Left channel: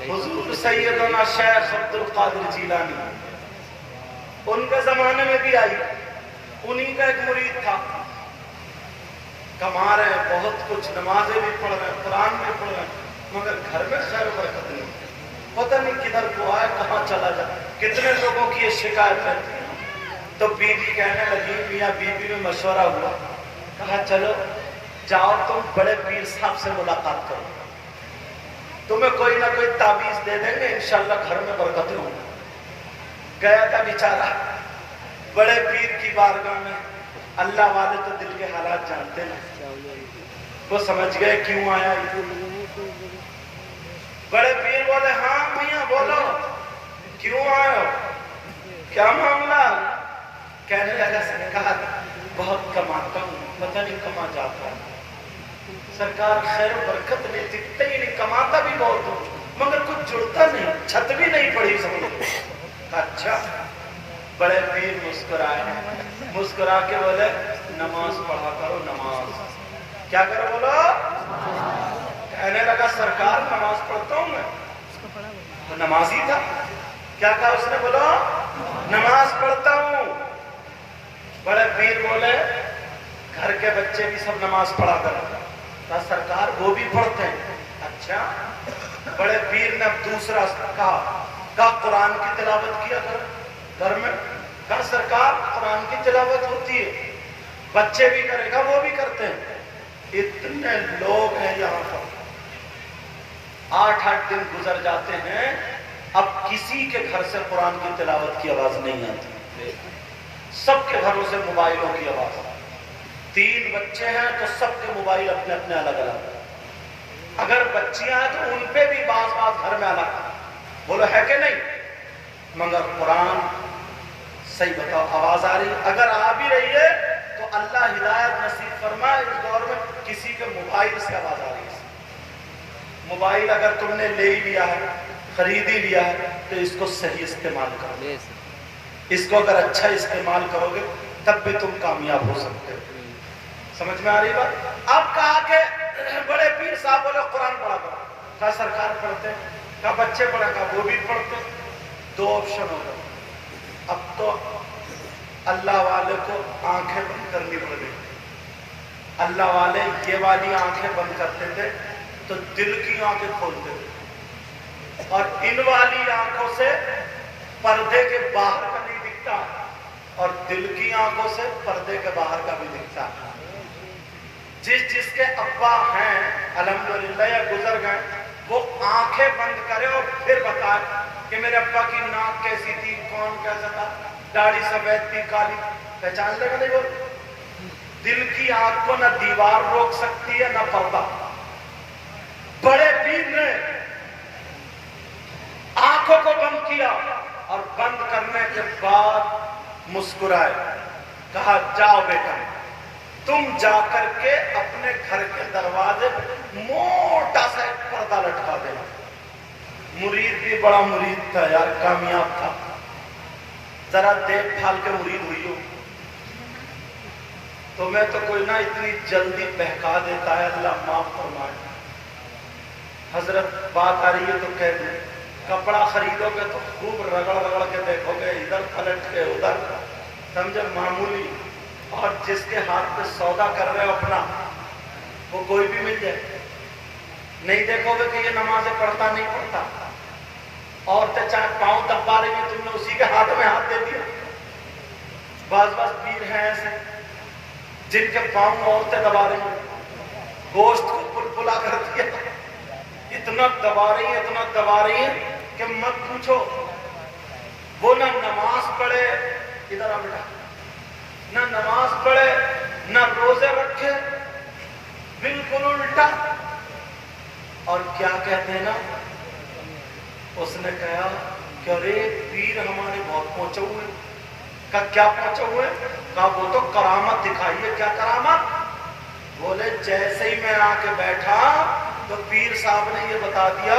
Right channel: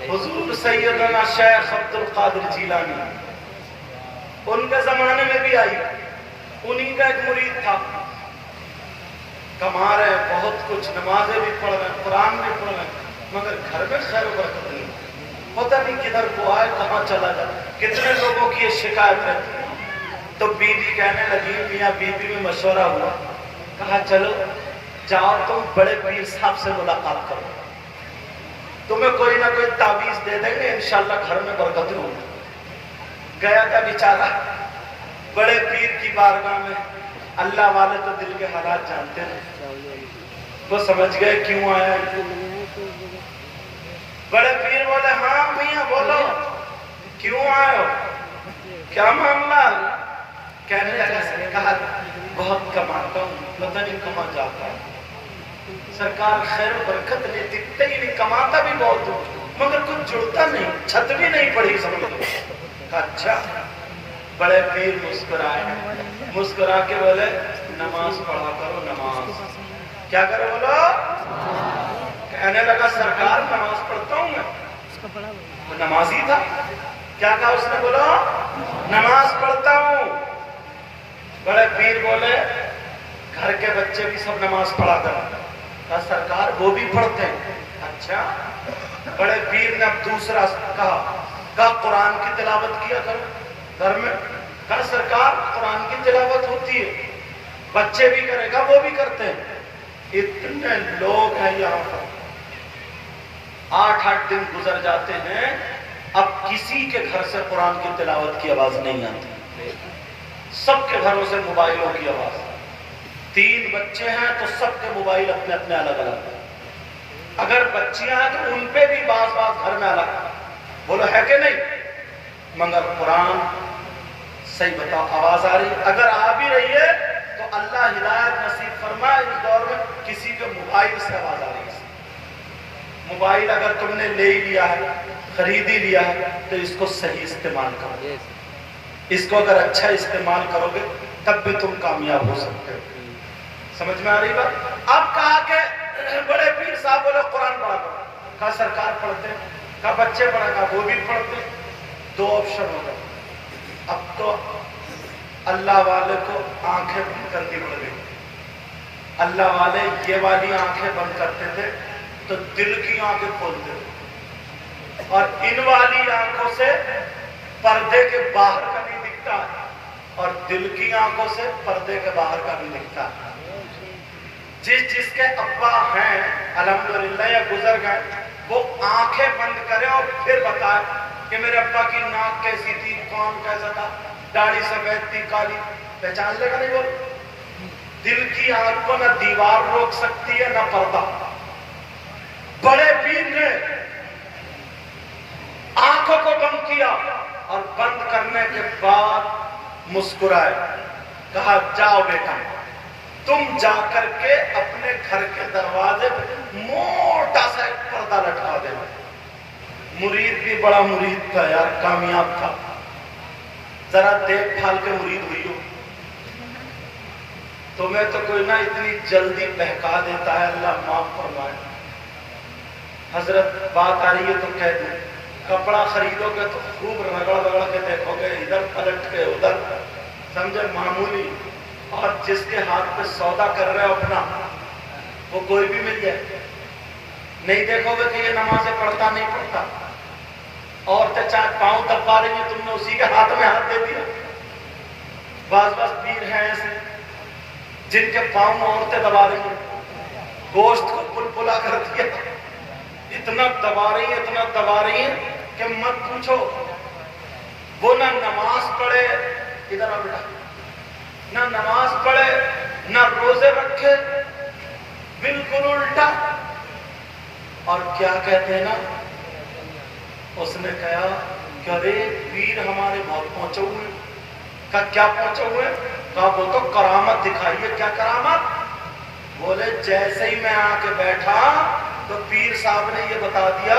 حضور سیدنا شیخ عبد القادر جیلانی ان کے زمانے میں بھی آئی، انہی کا ایک مرید تھا، کما رہے ہیں بہت کچھ، نمازیں بھی پڑھ رہے ہیں، قرآن بھی پڑھ رہے ہیں، مگر گھر میں خیر و برکت نہیں، پتہ نہیں کدھر کو آئے کہاں چلا جائے۔ کتنے لوگوں کی یہ شکایت ہے۔ تو بیوی کہنے لگی، میاں بیوی میں مشورہ ہوا، کہا چلو جاؤ تم بڑے پیر صاحب سے ملاقات کرو، تمہیں کوئی نہ کوئی تعویذ دے دیں گے، انشاءاللہ گھر میں برکت ہوگی۔ گیا تھا بیچارہ بڑے پیر کی بارگاہ میں، اللہ والے تو دل کے حالات جانتے ہیں، وہ سمجھ گئے کیوں آیا۔ بڑے پیر بولے ہاں میاں بولو کیوں آئے ہو، کیا معاملہ؟ کہنے لگا کہا بہت کماتا ہوں، پتہ نہیں کہاں جاتا ہے، سرکار خیر و برکت نہیں دکھتے ہی نہیں، کماتا بھی بہت ہوں مگر کچھ جڑتا نہیں، چھت بھی نہیں پڑی سمجھ لو۔ اچھا، بڑے پیر مسکرائے، مسکرا کے بولے نماز پڑھا کرو، نماز کیا کرو بولو۔ کہنے لگا سرکار نماز پڑھتا ہوں میں، وہ نمازی تھا، کیا کہا اس نے؟ بولو نماز پڑھتا ہوں۔ بڑے پیر بولے گھر کے بچے بھی سب نماز پڑھا کرو، کہا سرکار وہ بھی پڑھتے ہیں۔ اچھا، بڑے پیر نے اب دوسرا کہا قرآن کی تلاوت کیا کرو گھر میں، کہا سرکار قرآن کی تلاوت ہوتی ہے، بچے بھی کرے گا وہ بھی کرتے ہیں۔ اتنے لوگ ہیں یہاں پر، 8 دن گزر جاتے ہیں، اب کسی کے گھر سے قرآن کی تلاوت کی آواز نہیں آتی، سب کے گھروں سے موبائلوں کی آواز۔ 3 بچے ہیں تو سب کے موبائل اپنے اپنے الگ الگ، اگر بچیاں ہیں تو ان پہ بھی بعض گھر میں الگ، بولو ہے کہ نہیں؟ مگر قرآن صحیح بتاؤ آواز آ رہی ہے؟ اگر آ بھی رہی ہے تو اللہ ہدایت نصیب فرمائے، اس دور میں کسی کے موبائل سے آواز آ رہی ہے۔ موبائل اگر تم نے لے ہی لیا ہے، خرید ہی لیا ہے، تو اس کو صحیح استعمال کرو، اس کو اگر اچھا استعمال کرو گے تب بھی تم کامیاب ہو سکتے ہو۔ سمجھ میں آ رہی بات؟ اب کہا کہ بڑے پیر صاحب بولے قرآن پڑھا کرو، کہا سرکار پڑھتے ہیں، کہا بچے پڑھا، کہا وہ بھی پڑھتے ہیں۔ 2 آپشن ہو گئے، اب تو اللہ والے کو آنکھیں بند کرنی پڑ گئی۔ اللہ والے یہ والی آنکھیں بند کرتے تھے تو دل کی آنکھیں کھولتے تھے، اور ان والی آنکھوں سے پردے کے باہر کا نہیں دکھتا، اور دل کی آنکھوں سے پردے کے باہر کا بھی دکھتا۔ جس کے ابا ہیں الحمدللہ یا گزر گئے، وہ آنکھیں بند کرے اور پھر بتائے کہ میرے ابا کی ناک کیسی تھی، کون کیسا تھا، داڑھی سفید تھی کالی، پہچان لے گا نہیں؟ بول، دل کی آنکھ کو نہ دیوار روک سکتی ہے نہ پردہ۔ بڑے پیر نے آنکھوں کو بند کیا اور بند کرنے کے بعد مسکرائے، کہا جاؤ بیٹا تم جا کر کے اپنے گھر کے دروازے پہ موٹا سا ایک پردہ لٹکا دینا۔ مرید بھی بڑا مرید تھا یار، کامیاب تھا، ذرا دیکھ بھال کے مرید ہوئی ہو، تمہیں تو کوئی نہ اتنی جلدی بہکا دیتا ہے، اللہ معاف فرمائے۔ حضرت بات آ رہی ہے تو کہہ دوں، کپڑا خریدو گے تو خوب رگڑ رگڑ کے دیکھو گے، ادھر پلٹ کے ادھر، سمجھے معمولی، اور جس کے ہاتھ پہ سودا کر رہے ہو اپنا، وہ کوئی بھی مل جائے، نہیں دیکھو گے کہ یہ نمازیں پڑھتا نہیں پڑھتا۔ عورتیں چاہے پاؤں دبا رہی ہیں، تم نے اسی کے ہاتھ میں ہاتھ دے دیا۔ بعض پیر ہیں ایسے جن کے پاؤں عورتیں دبا رہی ہیں، گوشت کو پل پلا کر دیا، اتنا دبا رہی ہیں، اتنا دبا رہی ہیں کہ مت پوچھو۔ وہ نہ نماز پڑھے، ادھر آ بیٹا، نہ نماز پڑھے نہ روزے رکھے، بالکل الٹا۔ اور کیا کہتے ہیں نا، اس نے کہا کہ ارے پیر ہمارے بہت پہنچے ہوئے۔ کہا کیا پہنچے ہوئے؟ کہا وہ تو کرامت دکھائیے۔ کیا کرامت؟ بولے جیسے ہی میں آ کے بیٹھا تو پیر صاحب نے یہ بتا دیا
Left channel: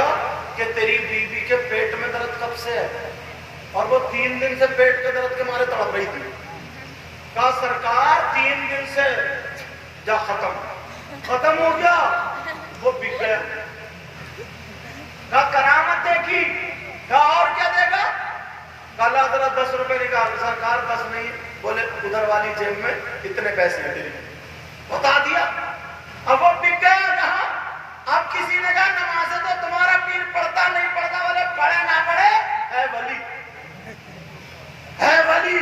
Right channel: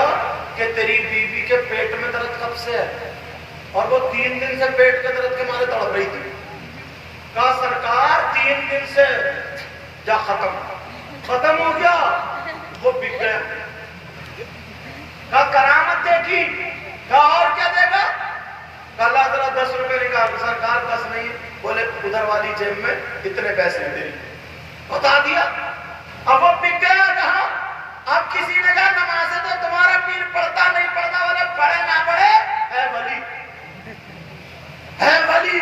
کہ تیری بیوی کے پیٹ میں درد کب سے ہے، اور وہ 3 دن سے پیٹ کے درد کے مارے تڑپ رہی تھی۔ کہا سرکار 3 دن سے، جا ختم ہو گیا، وہ بک گیا۔ کہا کرامت دیکھ की। कहा और क्या देगा? कल हजरत 10 रुपए निकाल। सरकार 10 नहीं, बोले उधर वाली जेब में इतने पैसे हैं तेरी, बता दिया। अब वो बिक गया जहां। अब किसी ने कहा नमाज़ें तो तुम्हारा पीर पढ़ता नहीं पढ़ता, बोले पढ़े ना पढ़े है वली, है वली।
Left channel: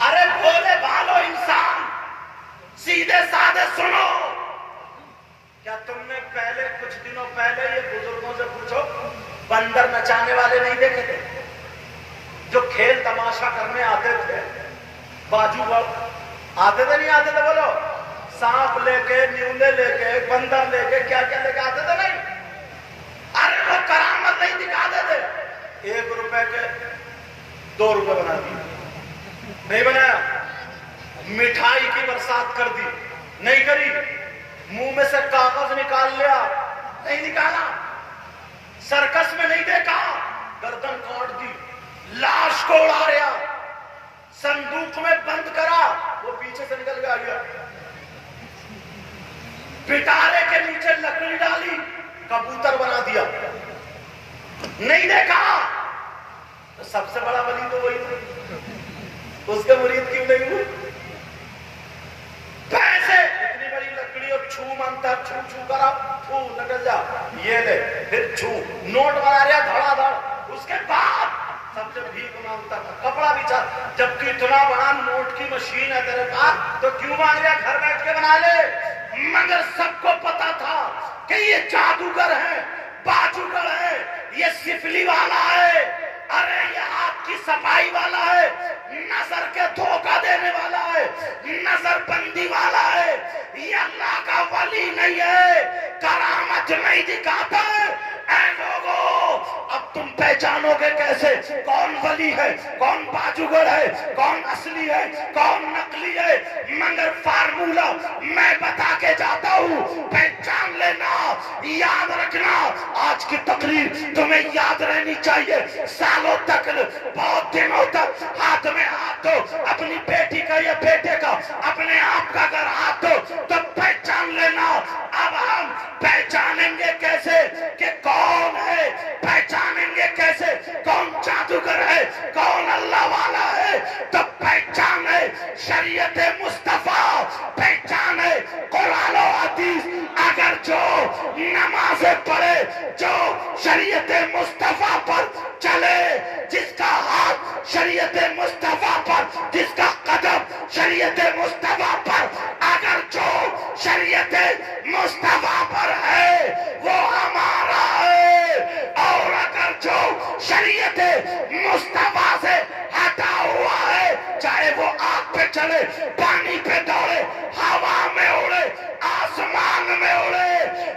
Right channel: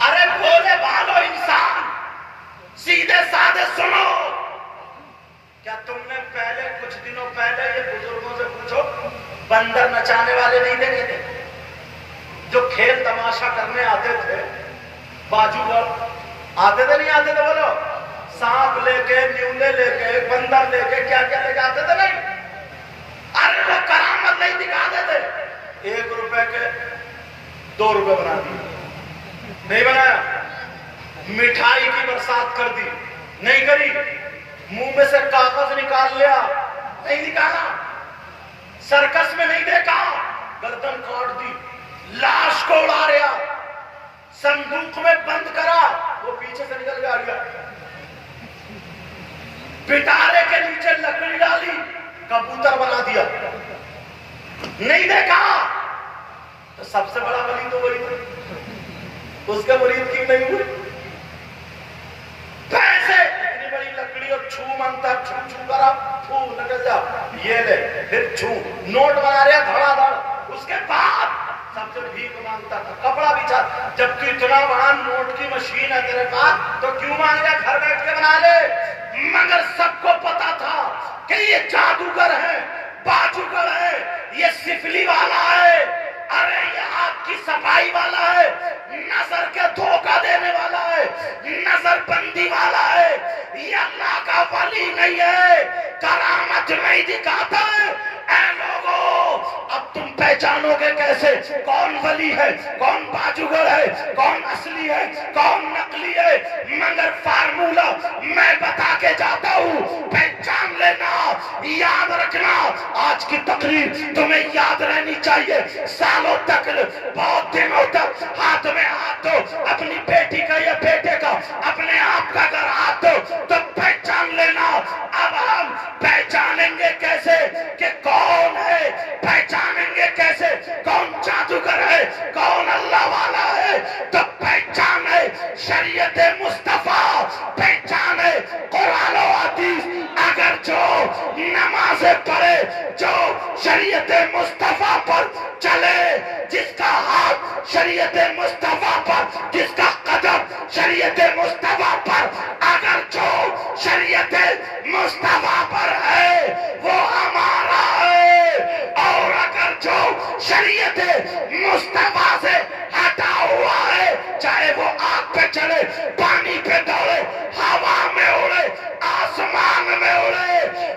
अरे भोले भालो इंसान, सीधे साधे सुनो। क्या तुमने पहले कुछ दिनों पहले ये बुजुर्गों से पूछो, बंदर नचाने वाले नहीं देखे थे जो खेल तमाशा करने आते थे? बाजूगर आते थे, नहीं आते थे? बोलो, सांप लेके, न्यूले लेके, बंदर लेके, क्या क्या लेके आते थे? नहीं। अरे वो करामत नहीं दिखाते थे। 1 रुपए के 2 रुपए बना दिए, नहीं बनाया। मिठाई की बरसात कर दी, नहीं करी। मुंह में से कागज निकाल लिया, नहीं निकाला। सर्कस में नहीं देखा, गर्दन काट दी, लाश को उड़ा रहा, संदूक में बंद करा, वो पीछे से निकल के आ गया। पिटारे के नीचे लकड़ी डाली, कबूतर बना दिया, नहीं देखा। तो सबसे बड़ा वली तो वही था, उसके मुरीद क्यों नहीं हुए? पैसे, इतनी बड़ी लकड़ी और छू मनता, छू छू करा, फू निकल जा, ये ले, फिर छू, नोट बना रहा धड़ाधड़। उसके बाद सबसे भीख मांगता था, कपड़ा बिछा। जब तू इतना बड़ा नोट की मशीन है तेरे पास, तो क्यों मांग रहा? घर बैठ के बना ले। मगर सबको पता था कि ये जादूगर है, बाजूगर है, ये सिफली वाला है, अरे ये हाथ की सफाई वाला है, नजर के धोखा देने वाला है, नजर बंदी वाला है, ये अल्लाह का वली नहीं है, करामत नहीं दिखाता है। ऐ लोगों, अब तुम पहचानोगे कैसे कौन वली है, कौन बाजूगर है, कौन असली है, कौन नकली है? मगर फार्मूला मैं बता के जाता हूँ, पहचान लेना, याद रखना। आज की तकरीर तुम्हें याद रहनी चाहिए, सालों तक, बहुत दिनों तक। हाथ में हाथ दो, अपनी बेटी का या बेटे का, अपने आप का अगर हाथ दो तो पहचान लेना। अब हम पहचानेंगे कैसे कि कौन है? पहचानेंगे कैसे कौन जादूगर है, कौन अल्लाह वाला है? तो पहचान है शरीयत मुस्तफा, पहचान है कुरान और हदीस। अगर जो नमाज़ें पढ़े, जो शरीयत मुस्तफा पर चले, जिसका हाथ शरीयत मुस्तफा पर, जिसका कदम शरीयत मुस्तफा पर, अगर जो शरीयत मुस्तफा पर है वो हमारा है। और अगर जो शरीयत मुस्तफा से हटा हुआ है, चाहे वो आग पे चले, पानी पे दौड़े, हवा में उड़े, आसमान में उड़े,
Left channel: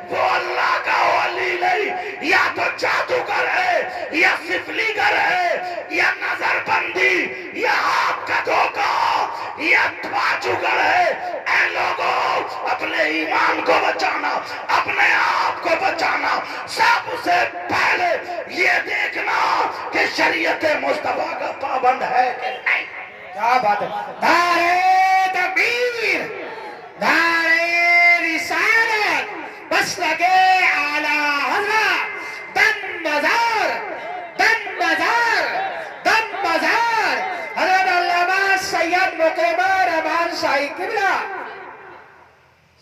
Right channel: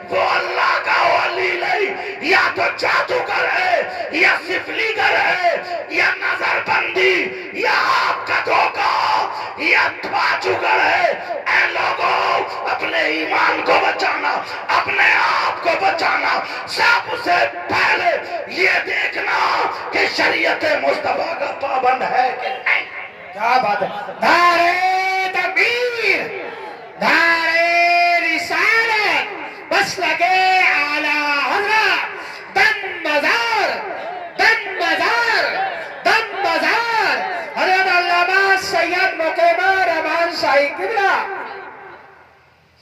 वो अल्लाह का वली नहीं। या तो जादूगर है, या सिफलीगर है, या नजरबंदी, या हाथ का धोखा, या बाजूगर है। ऐ लोगों, अपने ईमान को बचाना, अपने आप को बचाना, सबसे पहले ये देखना कि शरीयत मुस्तफा का पाबंद है कि नहीं। क्या बात है। नारे तकबीर, नारे रिसालत, बस लगे आला हज़रत, दम मजार, दम मजार, दम मजार, हज़रत अल्लामा सैयद मुक़िमुर रहमान शाही किबला।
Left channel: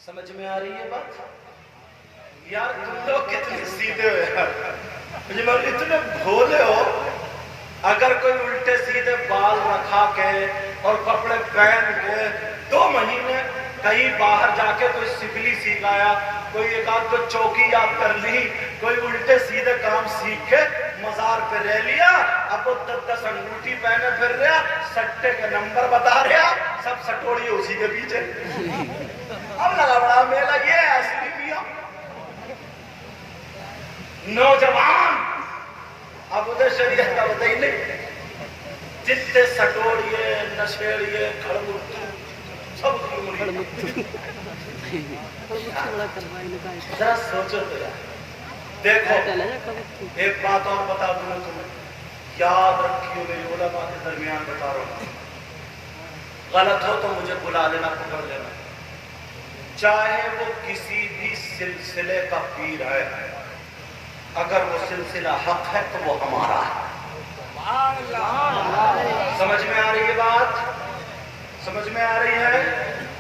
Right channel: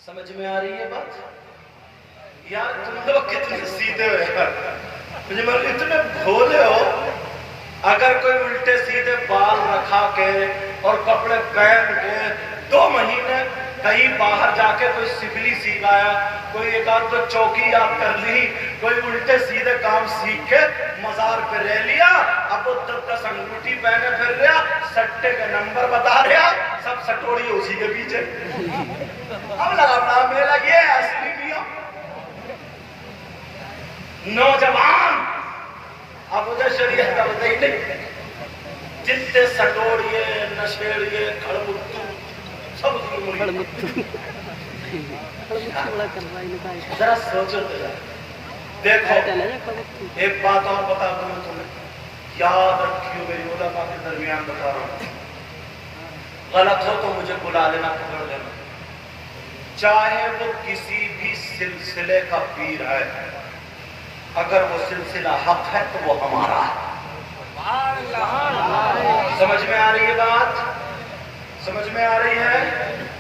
समझ में आ रही है बात? यार तुम लोग कितने सीधे हो यार, मुझे मतलब इतने भोले हो। अगर कोई उल्टे सीधे बाल रखा के और कपड़े पहन के 2 महीने कहीं बाहर जाके कोई सिफली सीख आया, कोई एक आध तो चौकी याद कर ली, कोई उल्टे सीधे काम सीख के मजार पे रह लिया, अब वो 10 अंगूठी पहने फिर रहा, सट्टे के नंबर बता रहा, सब सटोड़ी उसी के पीछे। अब लगा बड़ा मेला, ये असली मियां नौजवान। अब उधर शरीयत का बताई नहीं, जितने सटोड़िए, नशेड़िए, खड़मुत्तू, सब जरा सोचो तो यार। देखो एक बात और बता दूं मैं तुम्हें, याद रखियो, मेरी उलमा के दरमियान बता रहा हूं, गलत हो तो मुझे बुला लेना, पकड़ लेना। चाहे वो किसी भी सिलसिले का पीर है, अगर वो सिलसिला हक है तो वो हमारा है। समझ में आ रही है बात? समझ में आ रही है?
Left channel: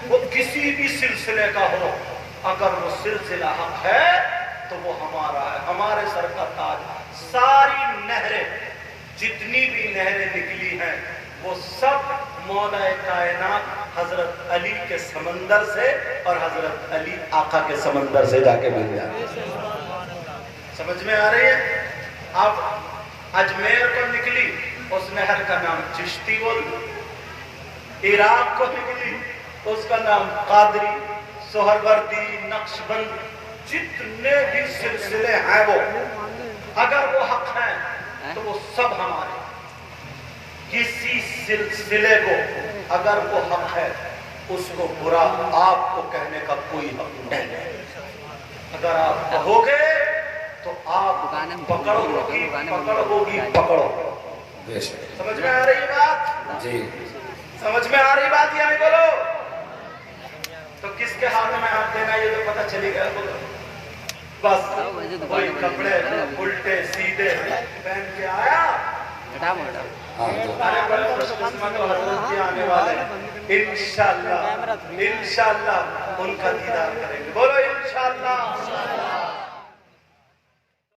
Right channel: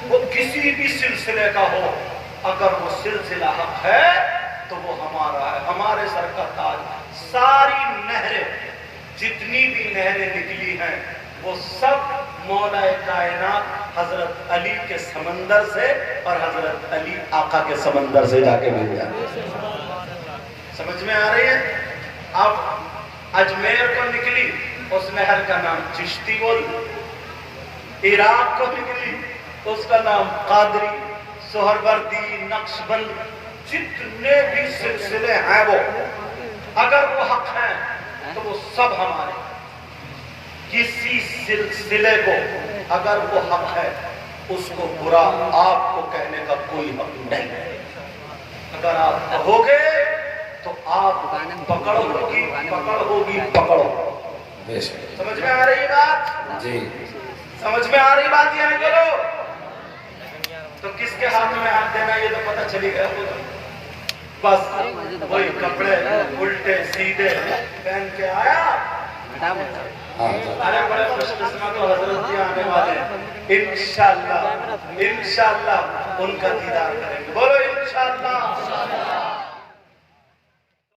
वो किसी भी सिलसिले का हो, अगर वो सिलसिला हक है तो वो हमारा है, हमारे सर का ताज। सारी नहरें, जितनी भी नहरें निकली हैं, वो सब मौला कायनात हजरत अली के समंदर से और हजरत अली आका के समंदर से जाके मिल जाए। समझ में आ रही है? अब अजमेर को निकली, उस नहर का नाम चिश्ती बोल, इराक को निकली उसका नाम कादरी, सोहरवर्दी, नक्शबंद, जितने भी सिलसिले हैं वो अगर वो हक हैं तो वो सब हमारे। किसी सिलसिले को अगर वो हक है उसको बुरा आपको कहने का कोई हक नहीं है। अगर आप कहोगे तो आप पकड़ होगी, पकड़ होगी, पकड़ो। समझ में आ रही बात जी? समझ में आ रही बात या नहीं? बोलो। तो किसके हाथ में हाथ देना ये तो पता चली गया होगा। बस वही कपड़े उल्टे सीधे पहन के आया। अरे बड़े खुशकिस्मत हो हजरत जी आने वाले हैं। इंशाअल्लाह इंशाअल्लाह उनका दीदार करेंगे। बोलो इंशाअल्लाह।